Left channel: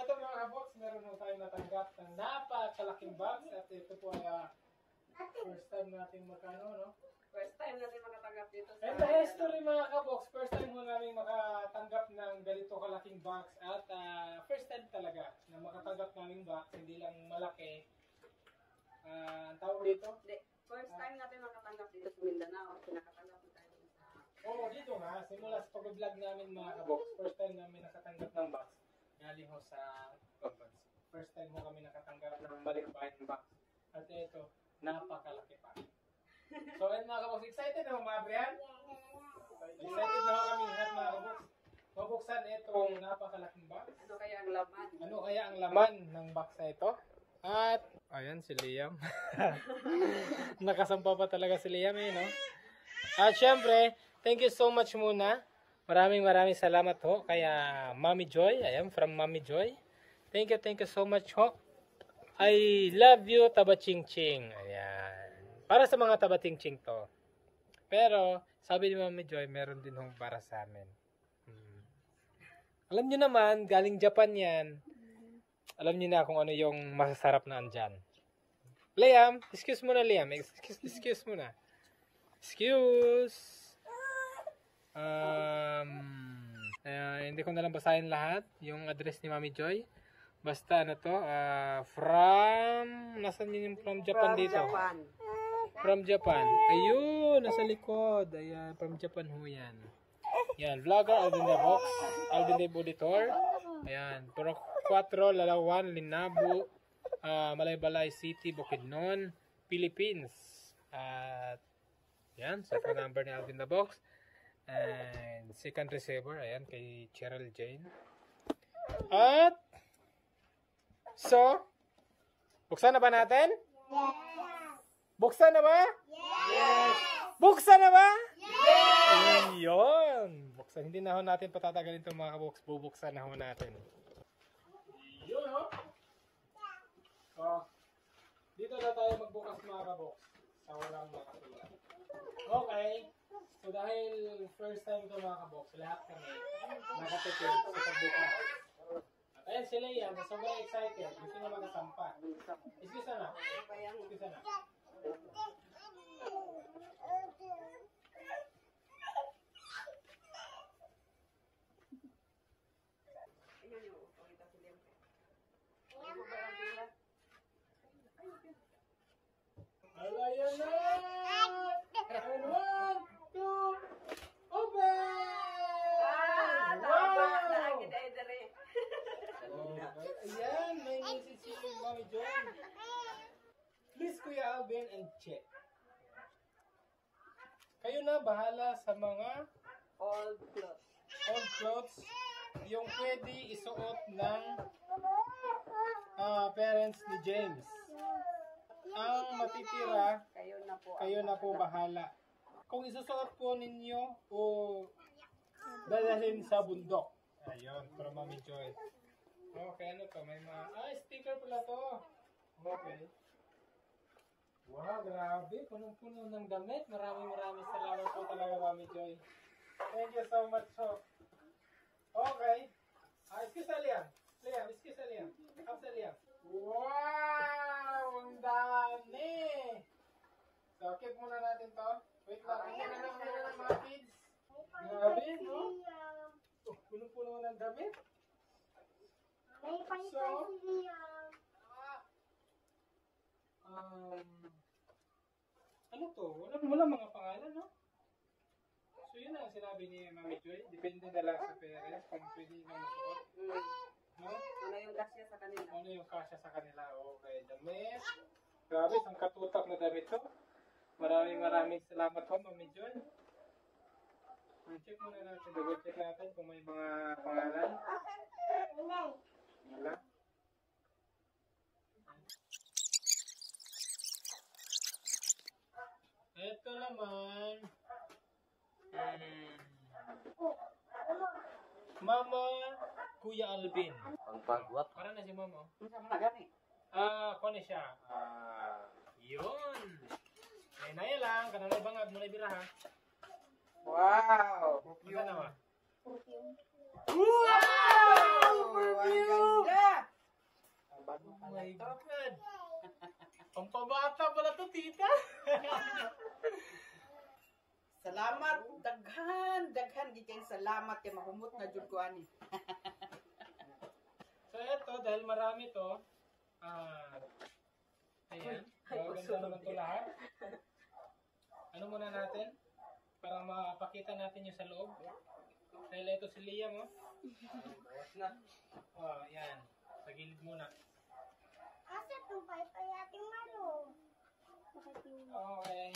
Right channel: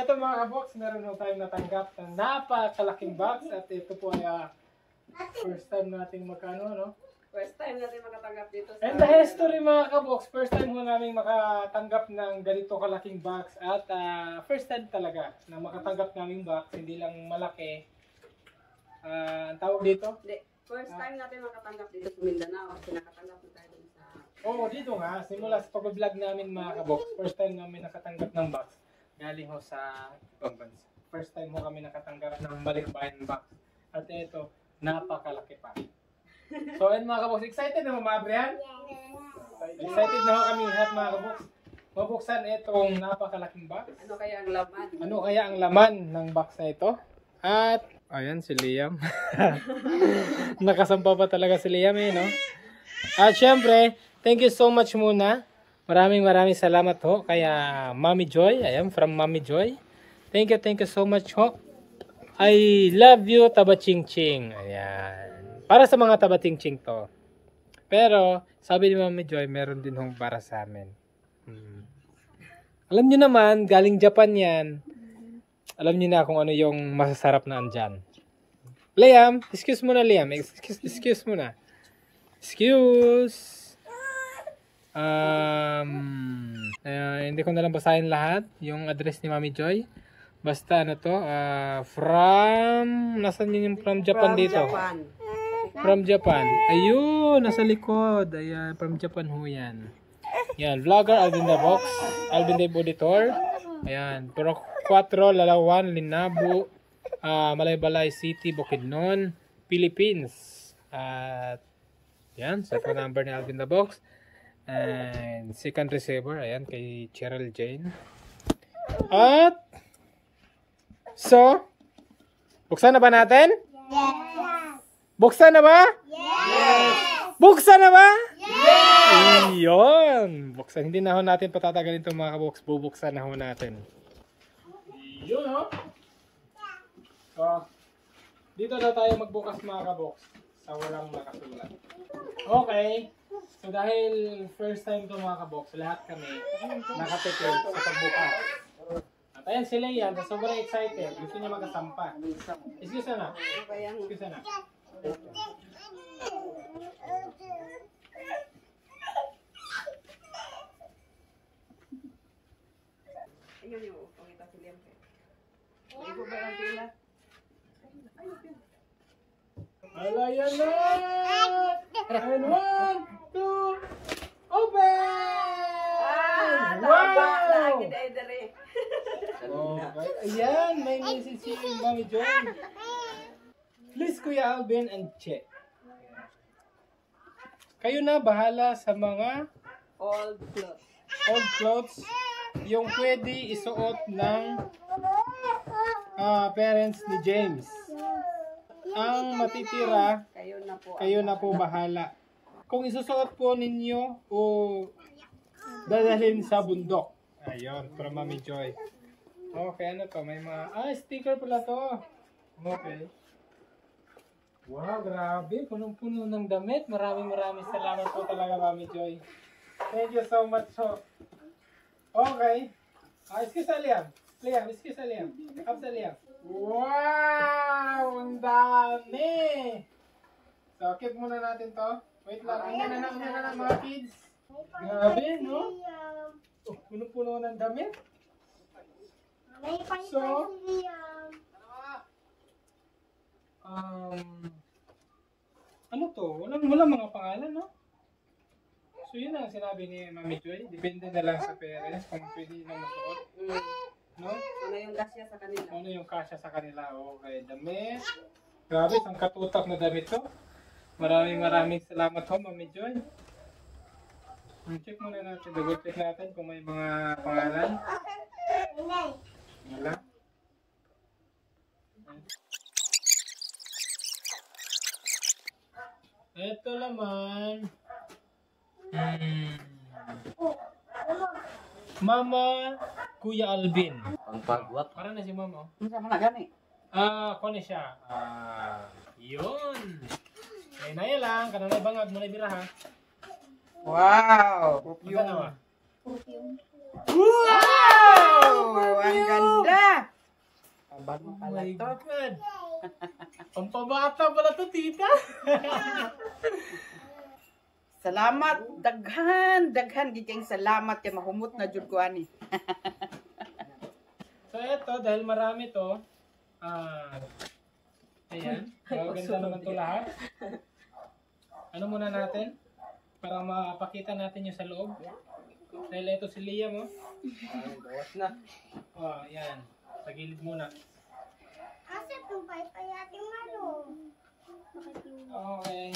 ito mga kabox, meron na tayong natanggap na napakalaking box at ito po ay first time nating magkano, no? First time natin makatanggap dito sa... And the history mga kabox, first time mo namin makatanggap ng ganito kalaking box at first time talaga na makatanggap namin box, hindi lang malaki. Ang tawag dito? Hindi. First time natin makatanggap dito sa Mindanao kasi nakatanggap na tayo dun sa... Oo, dito nga. Simula sa pag-vlog namin mga kabox, first time namin nakatanggap ng box. Galing ho sa ibang bansa. First time ho kami nakatanggap ng balikbayan box. At ito, napakalaki pa. So, ayun mga kabox, excited na mga Brian? Excited na ho kami lahat mga kabox. Mabuksan itong napakalaking box. Ano kaya ang laman? Ano kaya ang laman ng box na ito? At, ayan si Liam. Nakasampa pa talaga si Liam eh, no? At syempre, thank you so much muna. Maraming salamat ho kaya Mami Joy. Ayan, from Mami Joy. Thank you so much ho. I love you, Tabachingching. Ayan. Para sa mga Tabachingching to. Pero, sabi ni Mami Joy, meron din hong para sa amin. Alam nyo naman, galing Japan yan. Alam nyo na kung ano yung masasarap na andyan. Liam, excuse muna Liam. Excuse muna. Excuse. Hindi ko nalang basahin lahat. Yung address ni Mami Joy. Basta ano to. Nasaan yun yung from Japan dito? Japan. From Japan. Ayun, nasa likod. Ayan, from Japan ho yan. Yan, vlogger Alvin the Box. Alvin the Auditor. Ayan, Puro 4, Lalawan, Linabu, Malaybalay City, Bukidnon, Philippines. At yan, sa phone number ni Alvin the Box. And second receiver, ayan, kay Cheryl Jane. At so, buksan na ba natin? Yes! Buksan na ba? Yes! Buksan na ba? Yes! Iyon! Buksan, hindi na ho natin patatagalin itong mga kabox. Bubuksan na ho natin. Yun ho. So, dito na tayo magbukas mga kabox sa walang makasulat. Okay. So dahil first time to mga kabox, lahat kami nakatipid sa pagbukas. At ayan sila yan, sobrang excited. Gusto niya magkasampa. Excuse na. Excuse na. Ayun yung pangita si Liam. Hindi ko ba lang sila? Alayan na! And 1, 2, open! Tama! Lagi na idere. Okay. Ayan, may message si Mami Joy. Please Kuya Alvin and Che. Kayo na bahala sa mga Old clothes. old clothes yung pwede isuot ng parents ni James. Ang matitira, kayo na po bahala. Kung isusuot po ninyo o dadalhin sa bundok. Ayun, from Mami Joy. Okay, ano to? May mga, sticker pala to. Okay. Wow, grabe. Punong-puno ng damit. Maraming salamat po talaga, Mami Joy. Thank you so much po. Okay. Excuse Liam. Liam, excuse Liam. Kapsa Liam. Wow! Ang dami! So, keep muna natin to. Wait lang. Ano na mga kids? Grabe, no? Oh, puno-puno ng damit. So, ano to? Walang mga pangalan, no? So, yun ang sinabi ni Mami Joy. Depende na lang sa parents kung pwede lang masuot. No? Ano yung kasya sa kanila? Ano yung kasya sa kanila? Okay, damit. Grabe, isang katutak na damit to. Maraming salamat ho, Mami Joy. Check muna natin, double check natin kung may mga pangalan. Wala. Ito naman. Mama Kuya Alvin. Pangpagwap. Para na si Mama. Ano sa mga gani? Kung na siya. Yun. Kaya na yan lang. Kananay bangag mo na bira ha. Wow! Yung. Wow! Ang ganda! Bago Oh pala my to. God. Pampabata pala to, tita. Salamat, daghan giging salamat kay mahumot na jud ko ani. So eto, dahil marami to, ayan, maganda naman to lahat. Ano muna natin? Para mapakita natin yung sa loob. Dahil ito si Liam, oh. Bawas na. Oh, ayan. Sa gilid muna. Asa itong payating malo? Okay.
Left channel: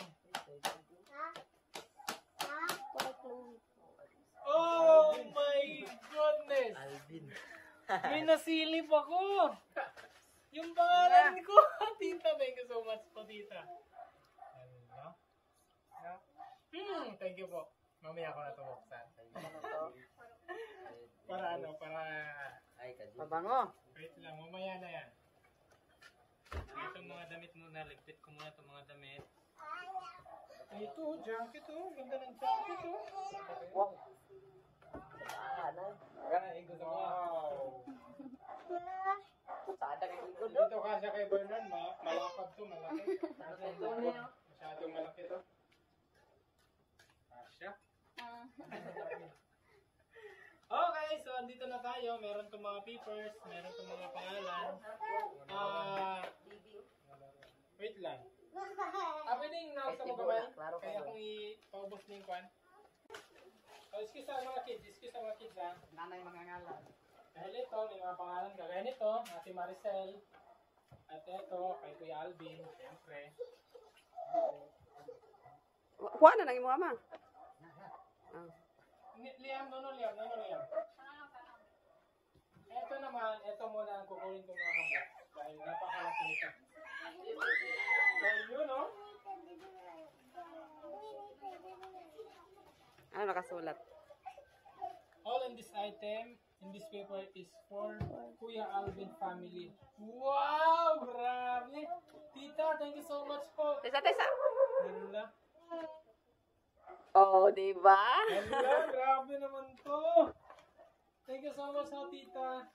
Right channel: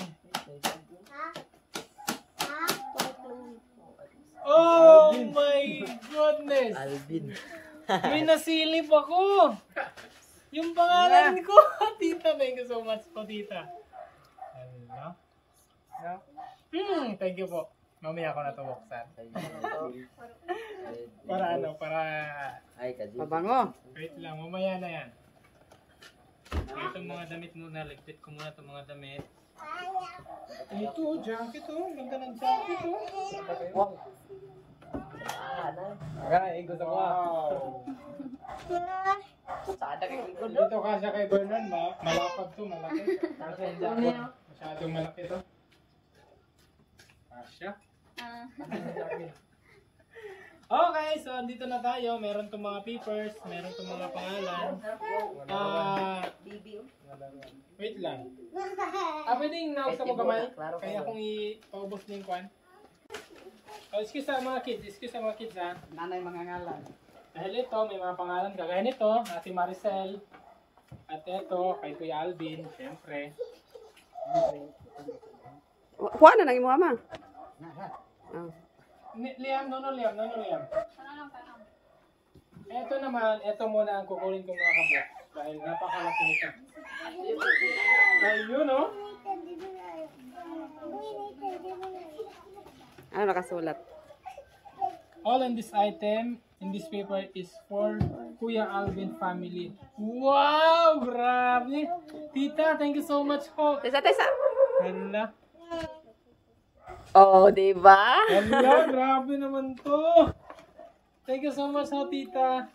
Ha? Ha? Oh my goodness! Alvin. May nasilip ako! Yung pangalan ko! Tita, thank you so much po, tita. Hello? Thank you po. Mamaya ako na ito buksan. Para ano, para... Ay, kadyo. Mabango. Wait lang, mamaya na yan. Itong mga damit muna, ligpit ko muna itong mga damit. Ito, jacket oh. Ganda ng jacket oh. Ay, gusto ko. Wow. Sada kay ko. Dito kasi kay Bernard, malapad to, malaki. Kasi yung jacket, masyadong malaki to. Kasya. Okay, so andito na tayo. Meron tong mga papers, meron tong mga pangalan. Wait lang. Pwedeng nausa mo kamay? Kaya kung ipaubos na yung kwan. Oh, excuse sa mga kids ha. Nanay mga ngalan. Dahil ito, may mga pangalan kagaya nito, Ate Maricel. At ito, kay Kuya Alvin, syempre. Kuha na nang imo ama. Liam. Ito naman, ito muna ang kukunin kong mga kabok. Dahil napakalaki nito. Ayun oh. Ano nakasulat? All in this item, in this paper is for Kuya Alvin family. Wow! Grabe! Tita, thank you so much po. Tesa. Hala. Oh, di ba? Hala, grabe naman to. Thank you so much ho, tita.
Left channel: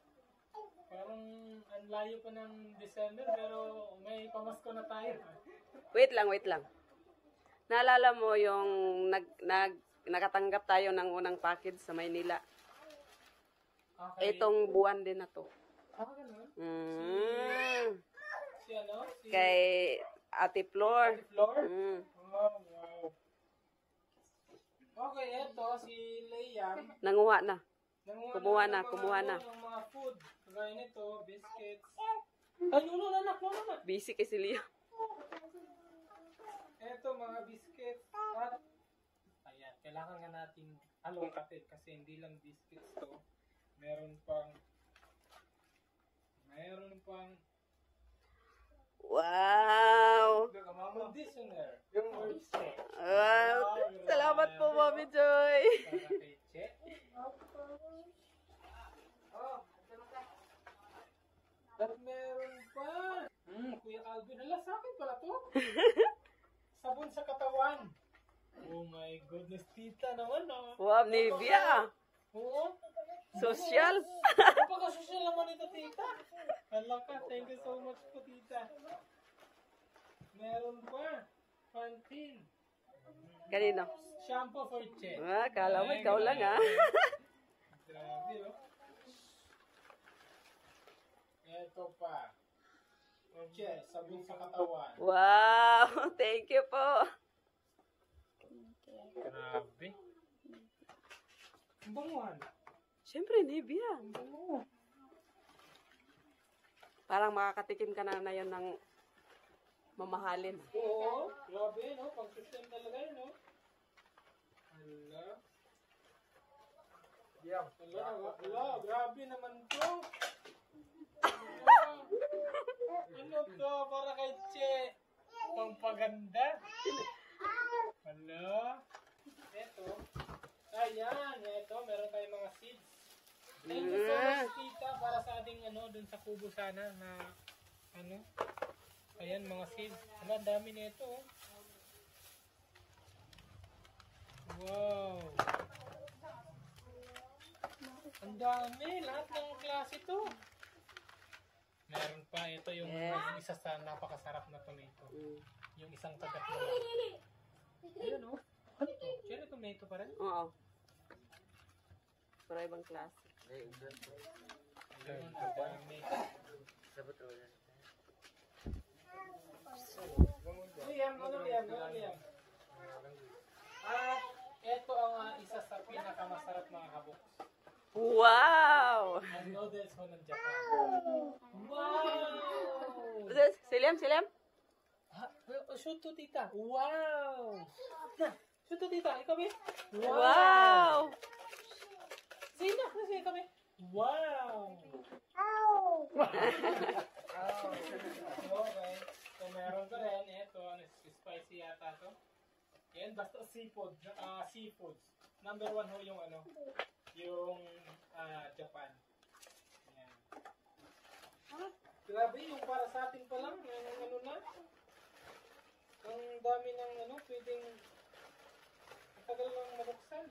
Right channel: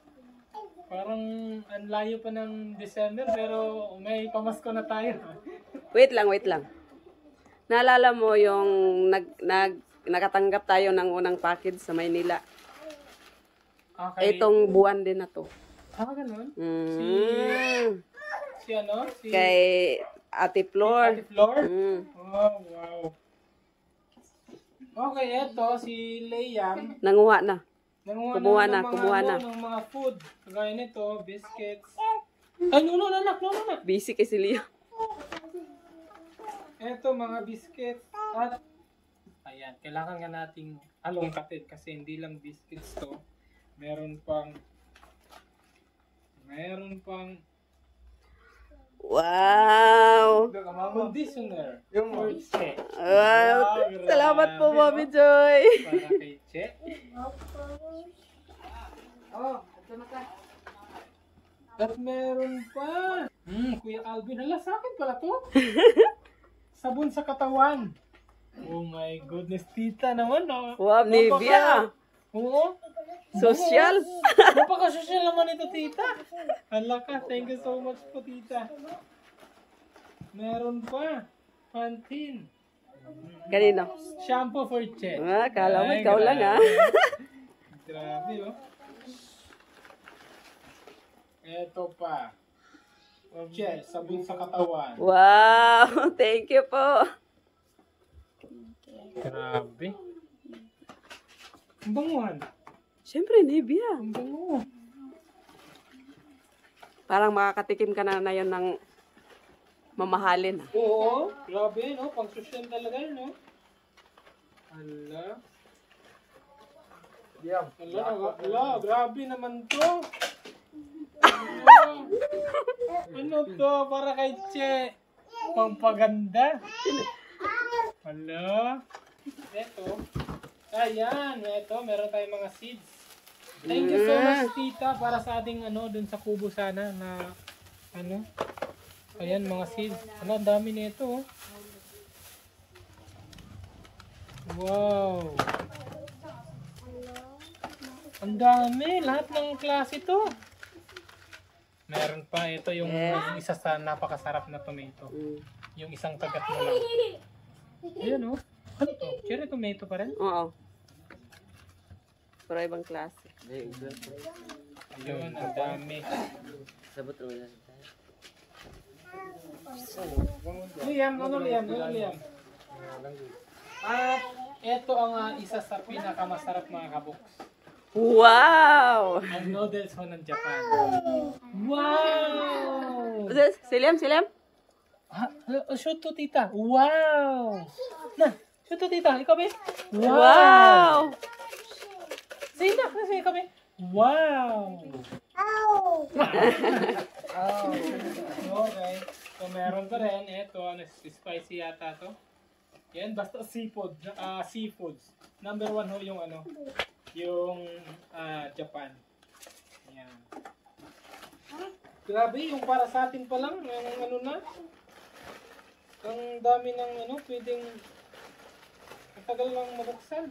Parang ang layo pa ng December pero may pamasko na tayo. Wait lang. Naalala mo yung nakatanggap tayo ng unang package sa Maynila. Okay. Itong buwan din na to. Ganun? Si ano? Si Kay Ate Flor. Ate Flor? Mm. Oh, wow. Okay, eto si Liam. Nanguha na. Kumuha Kumuha na. ng mga food. Kagaya nito, biscuits. Ay, no, anak. Busy kay si Leo. Eto, mga biscuits. At, ayan, kailangan nga nating alongkatin kasi hindi lang biscuits to. Meron pang Wow! conditioner. Yung for Che. Wow! Salamat po, Mommy Joy! Para kay Che. At meron pa. Kuya Alvin. Hala, sa akin pala to. Sabon sa katawan. Oh my goodness, tita naman. Oh. Wow, Nivea! Oo. Social! Napaka-social naman ito, tita. Hala ka, thank you so much po, tita. Meron pa. Pantene. Kanino? Shampoo for Che. Kala mo Ay, ikaw lang grabe. ah. Grabe, oh. Eto pa. Che, sabon sa katawan. Wow! Thank you po! Grabe. Ang banguhan. Siyempre, Nivea. Ang bango. Parang makakatikim ka na yun ng mamahalin. Oo, grabe, no? Pang social talaga, no? Hala. Hala, grabe naman to. Ano to? Para kay Che. Pampaganda. Hala. Eto. Ayan, eto. Meron tayong mga seeds. Thank you so much, tita, para sa ating dun sa kubo sana na ayan, mga seeds. Ang dami nito. Wow. Ang dami. Lahat ng klase to. Meron pa, ito yung Yes. isa sa napakasarap na tomato. Mm. Yung isang kagat mo lang. Ayan oh. Ano to? Cherry tomato pa rin? Oo. Pero ibang klase. Yun, ang dami. Liam, ano Liam? Ano Liam? At ito ang isa sa pinakamasarap mga kabuks. Wow! Ang noodles ho ng Japan. Wow! Siliam, siliam? Shoot to tita. Wow! Na, shoot to tita. Ikaw ba? Wow! Sige na, kasi ikaw ba? Wow! Ow! Oh. Okay. So meron pa rin. Ito, ano, spicy yata to. Yan, basta seafood. Seafoods. Number 1 ho yung ano, yung Japan. Yan. Grabe, yung para sa atin pa lang, yung ano na. Ang dami ng ano, pwedeng ang tagal lang mabuksan.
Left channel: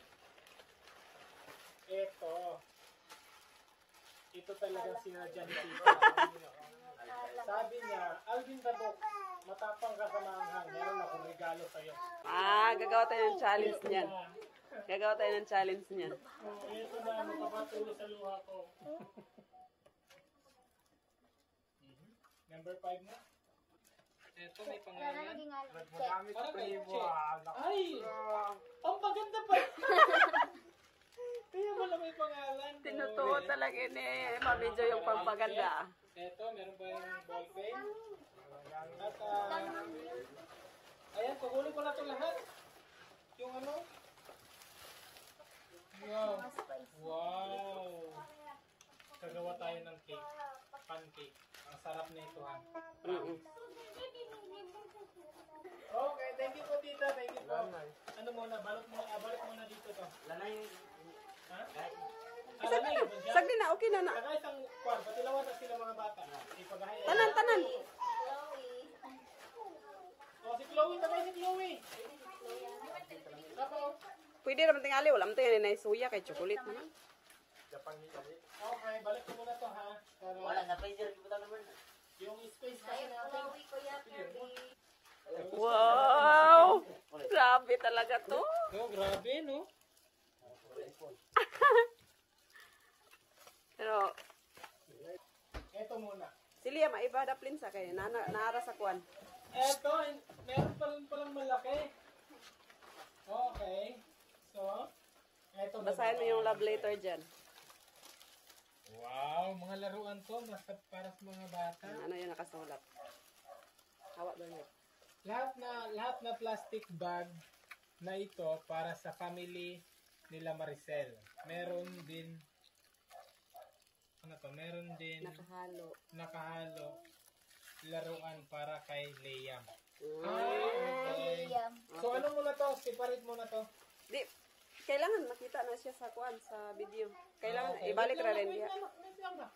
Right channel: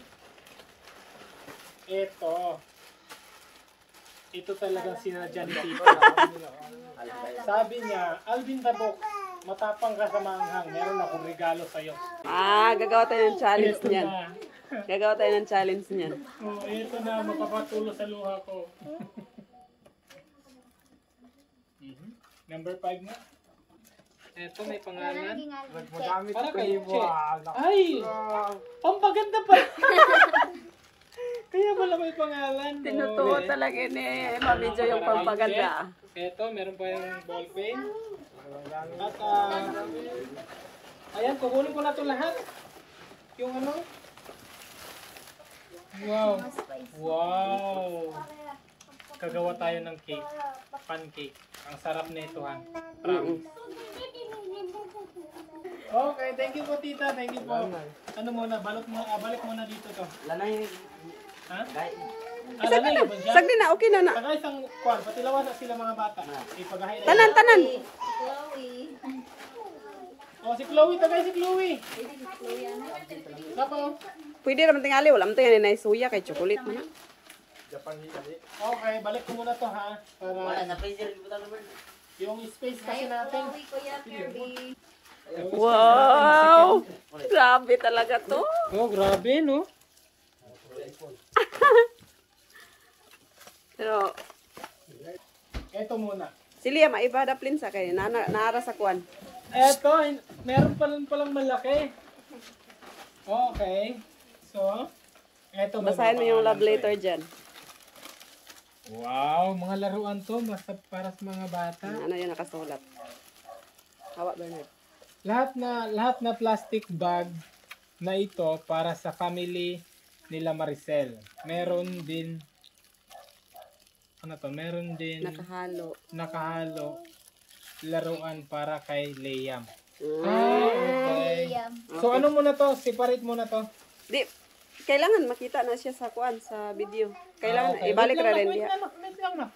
Ito talagang sinadya ni Tito. Sabi niya, Alvin Tabok, matapang ka sa manghang, meron akong regalo sa'yo. Gagawa tayo ng challenge Ito niyan. na. Gagawa tayo ng challenge niyan. Oh, ito na, mapapatulo sa luha ko. Number 5 na. Ito, may pangalan. Para kay Che. Ay! Pampaganda pa! Kaya pala may pangalan. Tinutuo Okay. talaga ni Mami Jo yung pampaganda. Ito, meron pa yung ball pen. At, ayan, kukunin ko na ito lahat. Yung ano? Wow. Wow. Kagawa tayo ng cake. Pancake. Ang sarap nito, ha. Mm-mm. Okay, thank you po, tita. Thank you po. Ano muna, balik muna dito to. Ha? Alam na yun, Sagdi na, okay na na. Saka isang kwan, patilawan na sila mga bata. Ipagahay na. Tanan, tanan. Oh, si Chloe, tagay si Chloe. Sapa, oh. Pwede naman tingali, wala mo tingnan na suya kay chocolate mo na. Okay, balik ko muna to ha. Para yung space kasi natin. Wow! Grabe talaga to. Oh, grabe no. Pero, Ito muna. siliya, maiba daplin sa kay naara sa kwan. Ito, meron palang malaki. Okay. So, ito. Basahin mo yung love letter dyan. Wow, mga laruan to. Basta para sa mga bata. Ano yun nakasulat? Hawa, Bernard. Lahat na plastic bag na ito para sa family nila Maricel. Meron din nakahalo laruan para kay Liam. Okay. So ano muna to? Separate muna to. Di, kailangan makita na siya sa kwan, sa video. Kailangan, Okay. ibalik Wait ra lang rin na, diya. wait lang na.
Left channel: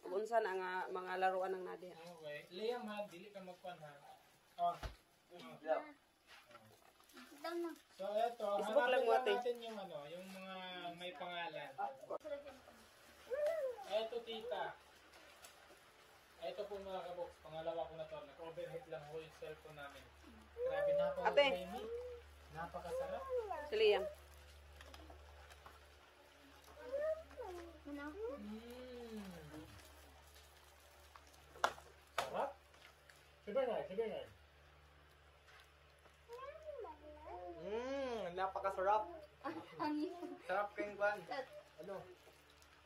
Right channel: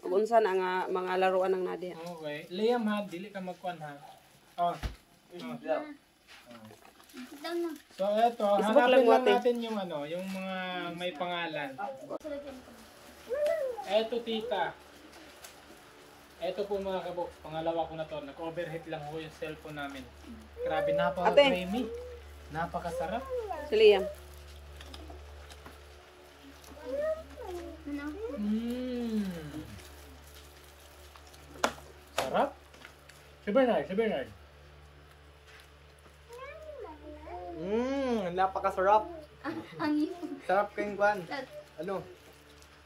Ug unsa na nga mga laruan ng Nadia. Okay. Liam ha, dili ka magkwan ha. Oh. So eto, Facebook lang hanapin lang natin. natin yung ano, yung mga may pangalan. Eto tita. Eto po mga kabok, pangalawa ko na to. Nag-overheat lang ko yung cellphone namin. Grabe, napaka-creamy. Napakasarap. Siliya. Sarap. Si Bernard. Napakasarap. Sarap kayong kwan. Ano?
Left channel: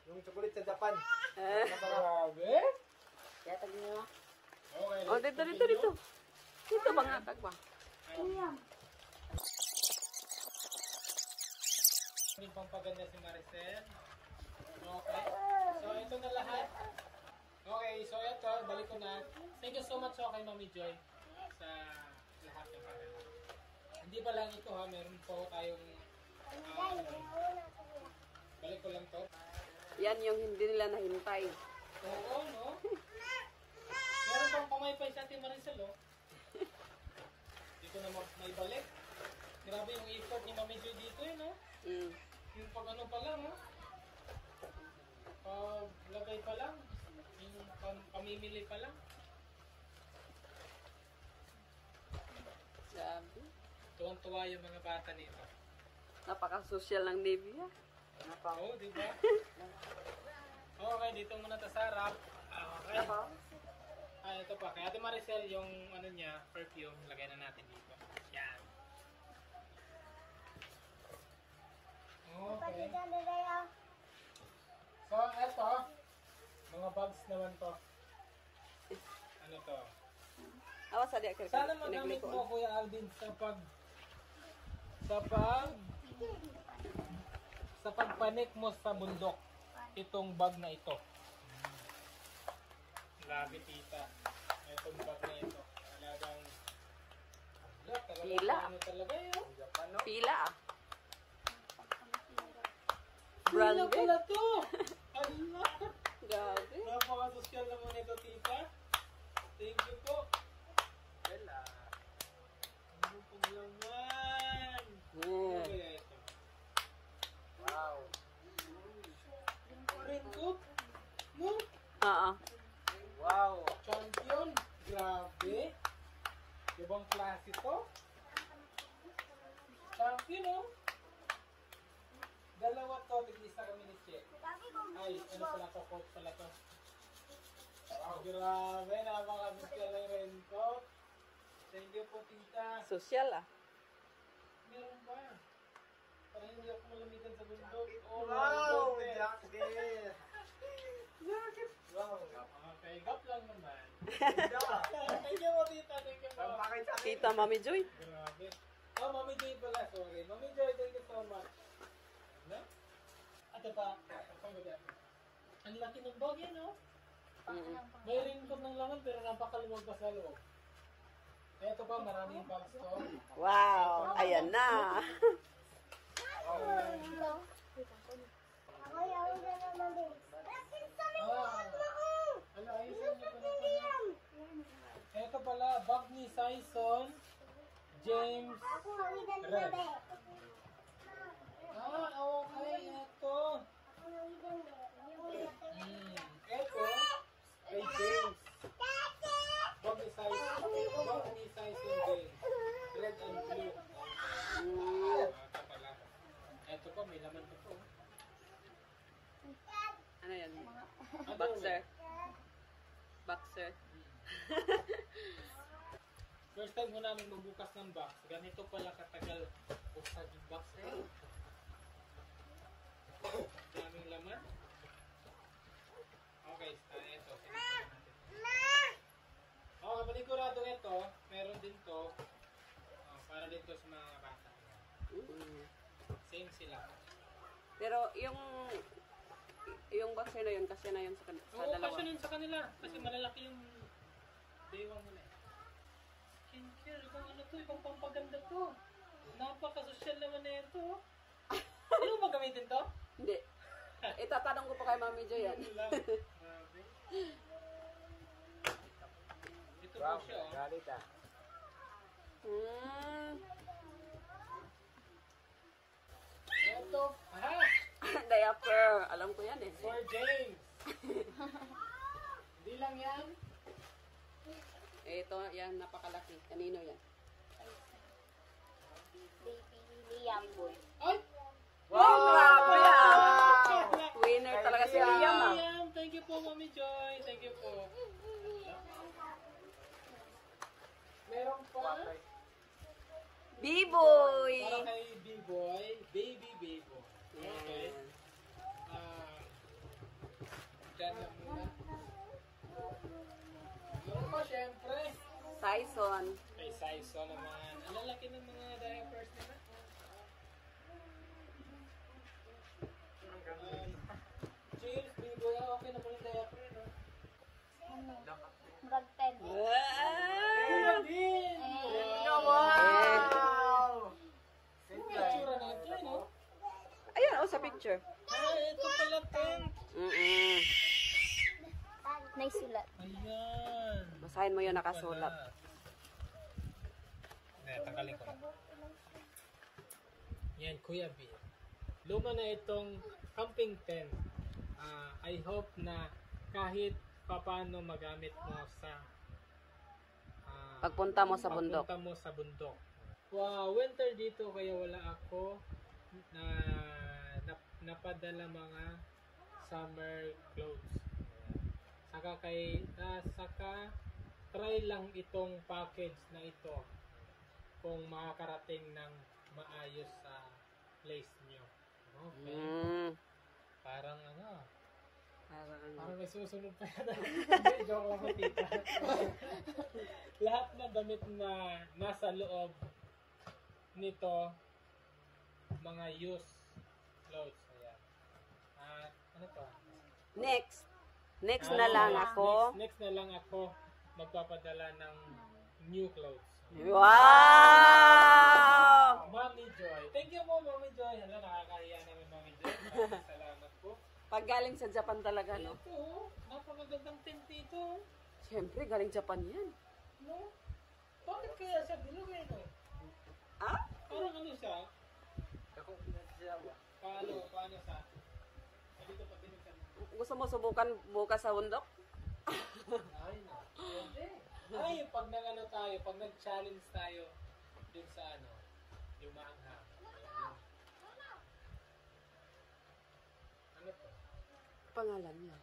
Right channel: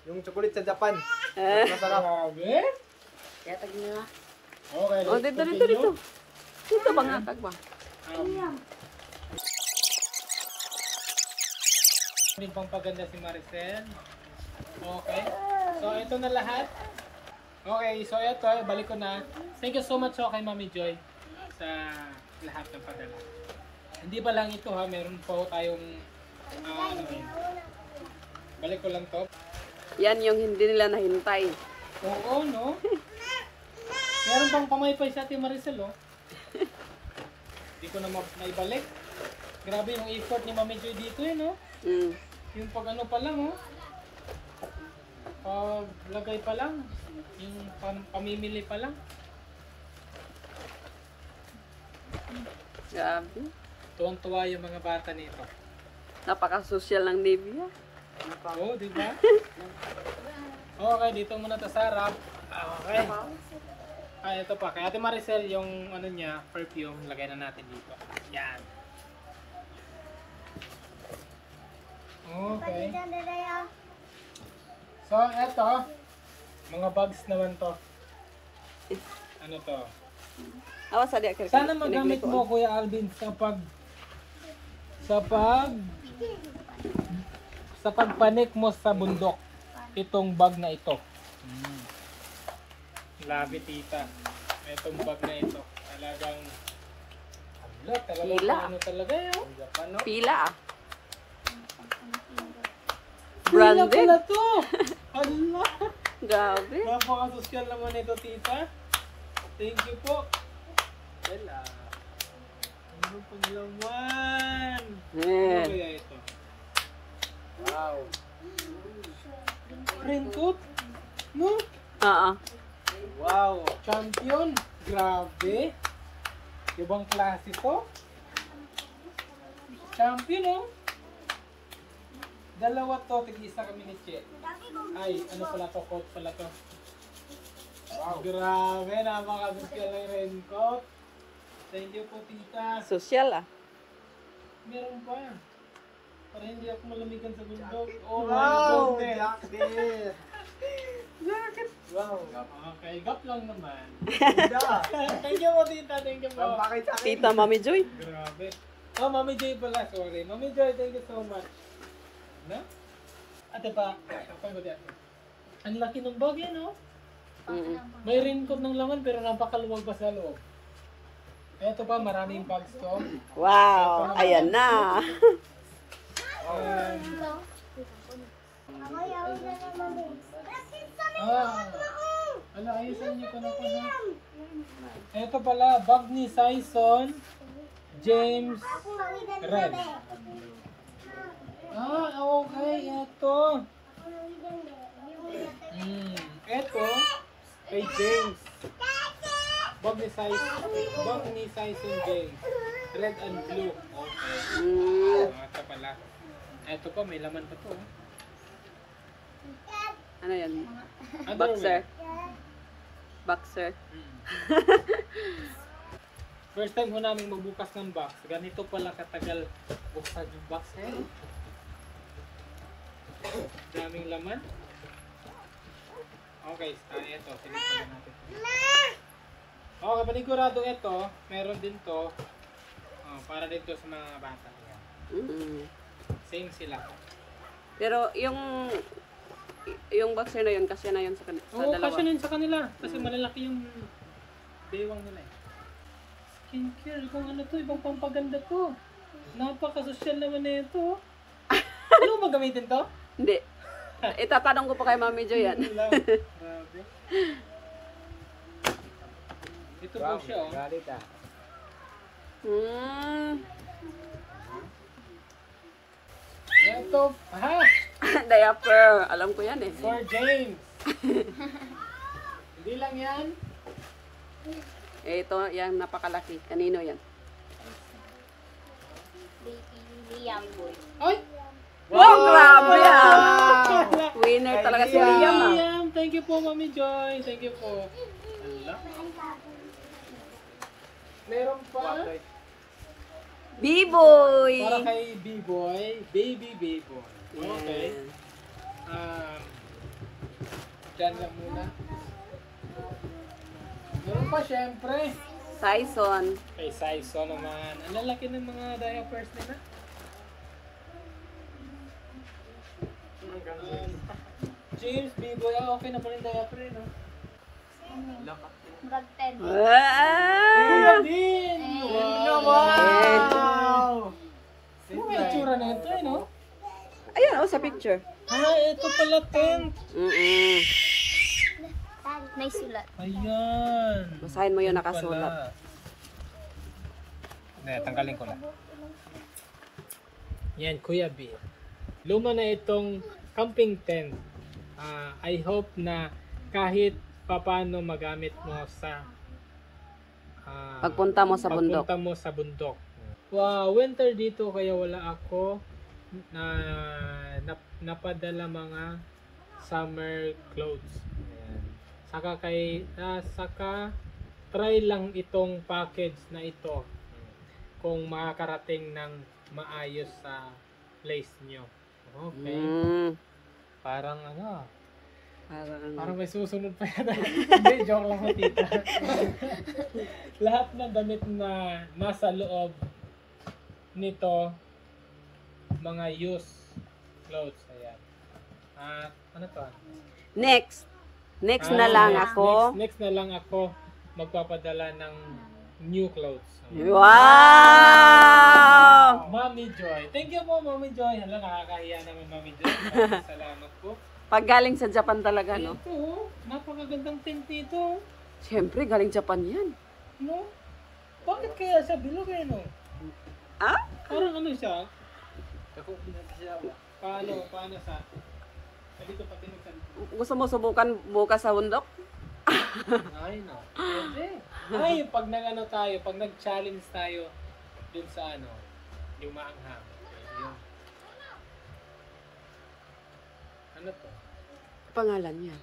Yung chocolate sa Japan. Masarap. Grabe. Okay, Oh, let's dito. continue. Dito ba nga kag ba? May pampaganda si Maricel. Okay. So, ito na lahat. Okay, so ito, balik ko na. Thank you so much kay Mami Joy sa lahat ng padala. Hindi ba lang ito ha, meron pa ho tayong ano yun. Balik ko lang to. Yan yung hindi nila nahintay. Oo, no? Meron pang pamaypay sa ating Maricel, oh. Hindi ko na maibalik. Grabe yung effort ni Mami Joy dito, no? Mm. Yung pag ano pa lang, oh. Lagay pa lang. Yung pamimili pa lang. Grabe. Tuwang-tuwa yung mga bata nito. Napaka-social ng Nivea. Oo, di ba? Okay, dito muna to sa harap. Okay. Ito pa. Kay Ate Maricel, yung ano niya, perfume, lagay na natin dito. Yan. Okay. So, eto. Mga bags naman to. Ano to? Awas sa diya. Sana magamit mo, Kuya Alvin, sa pagpanik mo sa bundok. Itong bag na ito. Labi, tita. Itong bag na ito. Talagang Pila. ano talaga yun? Ano? Pila ah. Pila Branded. pala to! Allah! Grabe. Napaka-social naman ito, tita. Thank you po. Wala. Ano pang laman? Ano kaya ito? Wow. Raincoat? No? Oo. Wow. Champion. Grabe. Ibang klase to. Champion, oh. Dalawa to. Tig-isa kami ni Che. Ay, ano pala to? Coat pala to. Wow. Grabe. Napaka-social ng raincoat. Thank you po, tita. Social ah. Meron pa. Para hindi ako malamigan sa bundok. Oh, Wow! my goodness. Jacket! Jacket. Wow! Okay, gap lang naman. Ganda! Thank you po, tita. Thank you po. Bakit sa akin? Tita Mami Joy. Grabe. Oh, Mami Joy pala. Sorry. Mami Joy, thank you so much. Na? Ate pa. Kapag ko di ate. Ang laki ng bag yan, oh. Mm-mm. May raincoat ng laman pero napakaluwag pa sa loob. Ito pa, maraming bags to. Wow. Ayan na. Ano, ayusan niyo ko na. Ito pala, bag ni Sison James Red. Okay, ito. Ito, kay James. Bag ni Sison James. Red and blue. Okay. Ito pala. Ito pa, may laman pa to. Ano yan? Underwear. Boxer. Boxer. First time ko namin magbukas ng box. Ganito pala katagal buksan yung box. Daming laman. Okay, ito. Sige pala natin. Okay, panigurado ito. Meron din to. Para din to sa mga bata. Mm. Same sila. Pero yung boxer na yun, kasi na yun sa Oo, dalawa. kasi yun sa kanila. Kasi malalaki yung bewang nila. Skincare. Kung ano to, ibang pampaganda to. Napaka-social naman na ito. Ano mo gamitin to? Hindi. Itatanong ko pa kay Mami Joy yan. Grabe. Ito po siya, oh. Galit ah. Ito, Diaper. Alam ko yan eh. for James. Hindi lang yan. Ito, yan napakalaki. Kanino yan? Ay! Wow, grabe ah! Winner talaga si Liam ah. Liam, thank you po, Mami Joy. Thank you po. Ala. Meron pa. B-boy! Para kay B-boy. Baby B-boy. Okay. Diyan lang muna. Meron pa, syempre. Sison. Kay Saiso naman. Ang lalaki ng mga diapers nila. James, B-boy. Okay na pa rin diaper eh, no? Ah! din! Wow! Ano ang itsura na ito eh, no? Ayan, oh, sa picture. Ito pala tent. Mm-mm. May sulat. Ayan. Basahin mo yung nakasulat. Tanggalin ko na. Yan, Kuya B. Luma na itong camping tent. I hope na kahit papaano magamit mo sa Pagpunta mo sa bundok. pagpunta mo sa bundok. Wow, winter dito kaya wala ako na napadala mga summer clothes. Ayan. Saka try lang itong package na ito kung makakarating ng maayos sa place nyo. Okay. Parang parang may susunod pa yata. Hindi, joke lang ko, tita. Lahat ng damit na nasa loob nito, mga used clothes. Ayan. At ano to? Next na lang ako. Next na lang ako magpapadala ng new clothes. Wow! Mami Joy. Thank you po, Mami Joy. Hala, nakakahiya naman, Mami Joy. Maraming salamat po. Pag galing sa Japan talaga, no? Ito, napakagandang tent nito. Siyempre, galing Japan yan. No? Bakit kaya sa bilog eh, no? Ah? Parang ano siya? Paano sa? Dito pati sa... Gusto mo subukan bukas sa bundok? Ay, no. Pwede. Ay, pag pag nag-challenge tayo dun sa yung maanghang. Yun. Ano to? Pangalan niya.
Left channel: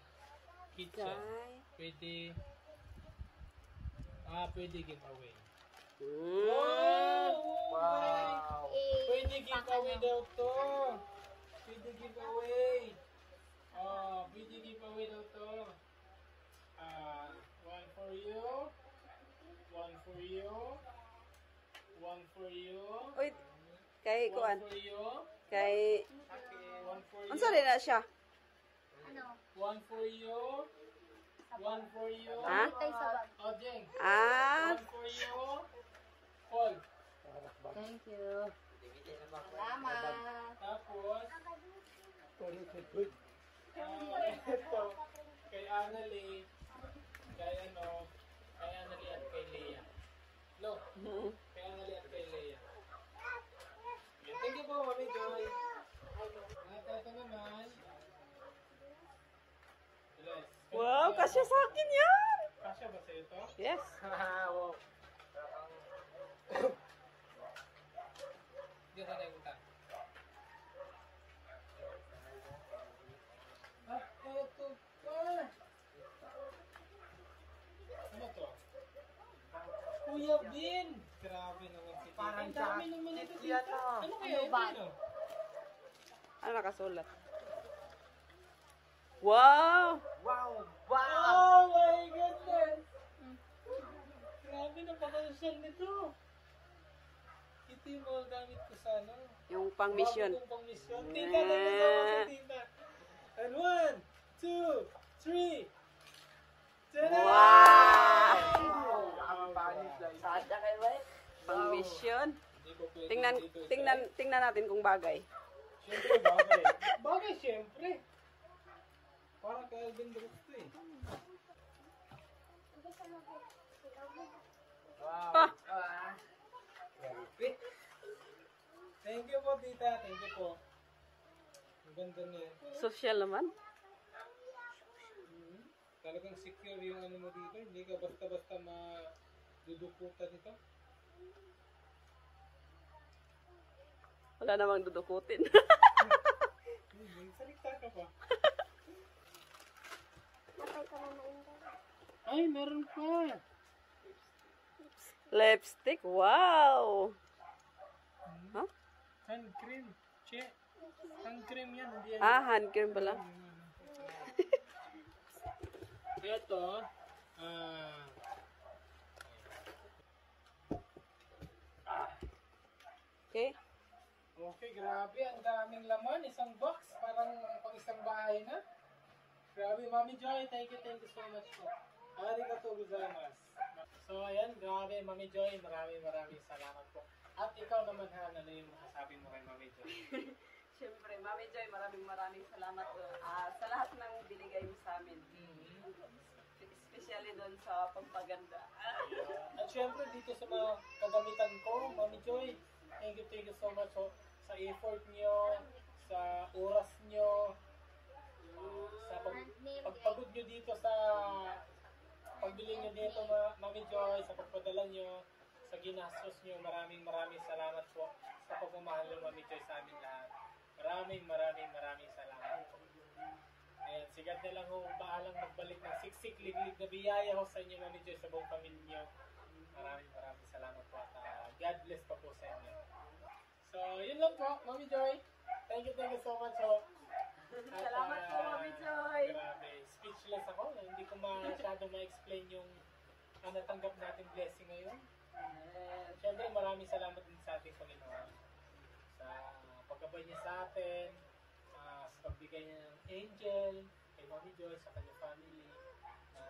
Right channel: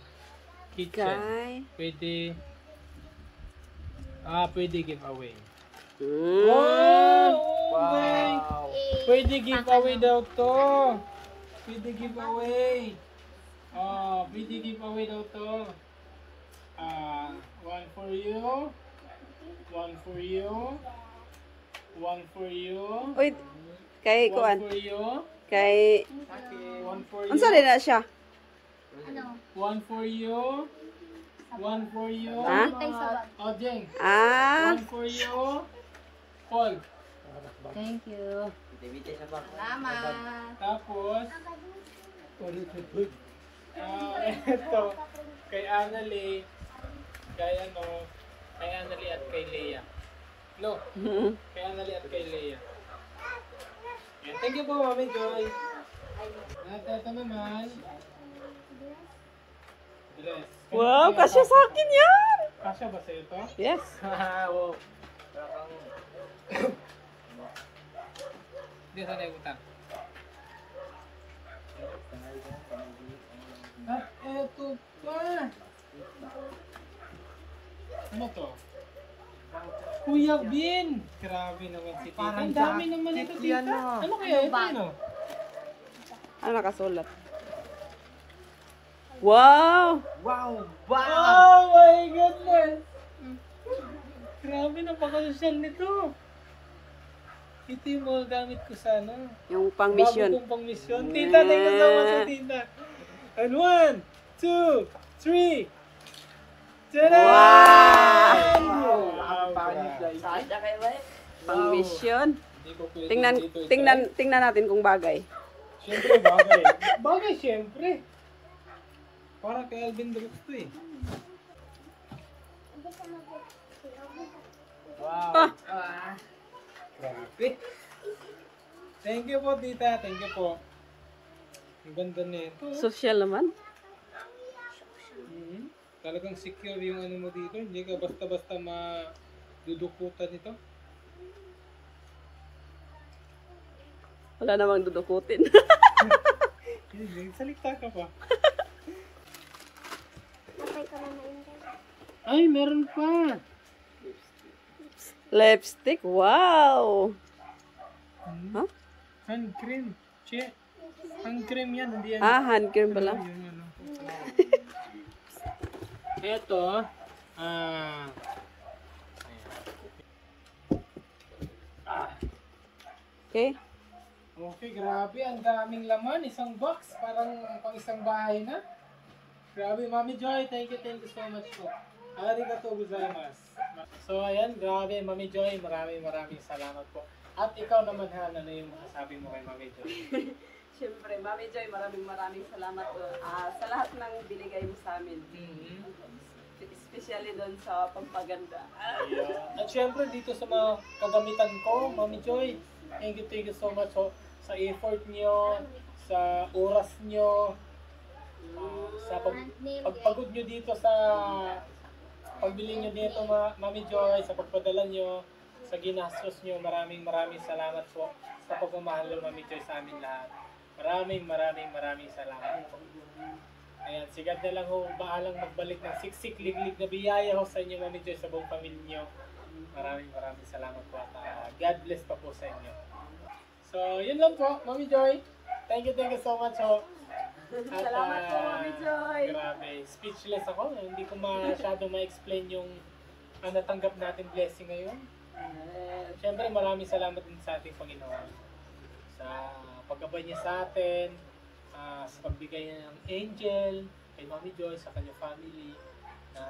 Kitchen. Kay... Pwede giveaway. Mm. Okay. Pwede giveaway daw to. Pwede giveaway. Pwede giveaway daw to. One for you. One for you. One for you. Uy, kay One kuan. for you. Kay... One for you. Unsa rin na siya? Ano? One for you. One for you. Ha? Tay sa bag. Jeng. Ah, One for you. Paul. Thank you. Salamat. Tapos, ito, kay Annalie, kay Annalie at kay Leia. No, kay Annalie at kay Leia. Yan. Thank you po, Mami Joy. At ito naman, dress. wow, kasya sa akin yan! Kasya ba sa ito? Yes. Wow. Hindi, sana yung utang. At eto pa. Ano to? Kuya Bin! Grabe naman si Tita. Ang dami naman ito, Tita. Ano kaya ito, ano? Ano nakasulat? Wow! Oh my goodness! Grabe, napaka-social nito. Ito yung mga gamit ko sa Yung pang mission. bago kong pang mission. Tita, thank you so much, Tita. And 1, 2, 3. Tada! Wow! Wow! Pang mission. Hindi ko pwede dito Tingnan natin kung bagay. Siyempre, bagay. Bagay, siyempre. Para kay Alvin Brooks to eh. Wow. Grabe. Thank you po, Tita. Thank you po. Ang ganda nito. Social naman. Talagang secure yung ano mo dito. Hindi ka basta-basta madudukutan ito. Wala namang dudukutin. Salita ka pa. Ay, meron pa. Lipstick. Wow! Huh? Hand cream. Che. Hand cream yan. Hindi yan. Ah, hand cream pala. Yung ano. Ito. Okay. Okay, grabe. Ang daming laman. Isang box. Parang pang isang bahay na. Grabe, Mami Joy. Thank you so much po. Arigatou gozaimasu. So, ayan. Grabe, Mami Joy. Maraming salamat po. At ikaw naman, Han, ano yung masasabi mo kay Mami Joy? Siyempre, Mami Joy, maraming salamat doon. Sa lahat ng binigay mo sa amin. Especially doon sa pampaganda. At syempre, dito sa mga kagamitan ko, Mami Joy, thank you so much sa effort nyo, sa oras nyo, sa pagsunod nyo dito sa pagbili nyo dito, Mami Joy, sa pagpadala nyo, sa ginastos nyo. Maraming salamat po sa pagmamahal ng Mami Joy sa amin lahat. Maraming salamat po. Ayan, sigad na lang ho, baalang magbalik ng siksik, liglig na biyaya ho sa inyo, Mami Joy, sa buong pamilya nyo. Maraming salamat po at God bless pa po sa inyo. So, yun lang po, Mami Joy. Thank you so much ho. At, Salamat po, Mami Joy. Grabe, speechless ako. Hindi ko masyado ma-explain yung natanggap natin blessing ngayon. Siyempre, maraming salamat din sa ating Panginoon. Sa paggabay niya sa atin, sa pagbigay niya ng angel, kay Mami Joy, sa kanyang family, na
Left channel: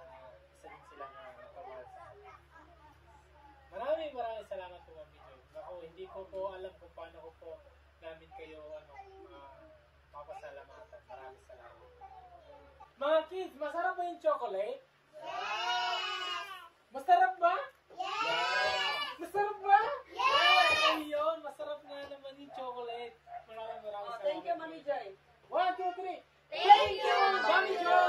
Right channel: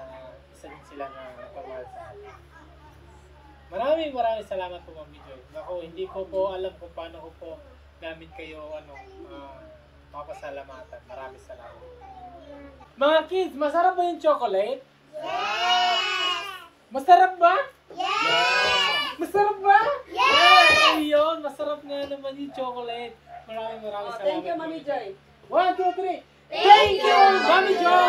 isa din sila na nagpamahal sa atin. Maraming salamat po, Mami Joy. Ako, hindi ko po alam kung paano ko po namin kayo mapasalamatan. Maraming salamat. Mga kids, masarap ba yung chocolate? Yes! Masarap ba? Yes! Masarap ba? Yes! Ayun, masarap nga naman yung chocolate. Maraming salamat. Thank you, Mami Joy. 1, 2, 3. Thank you, Mami Joy!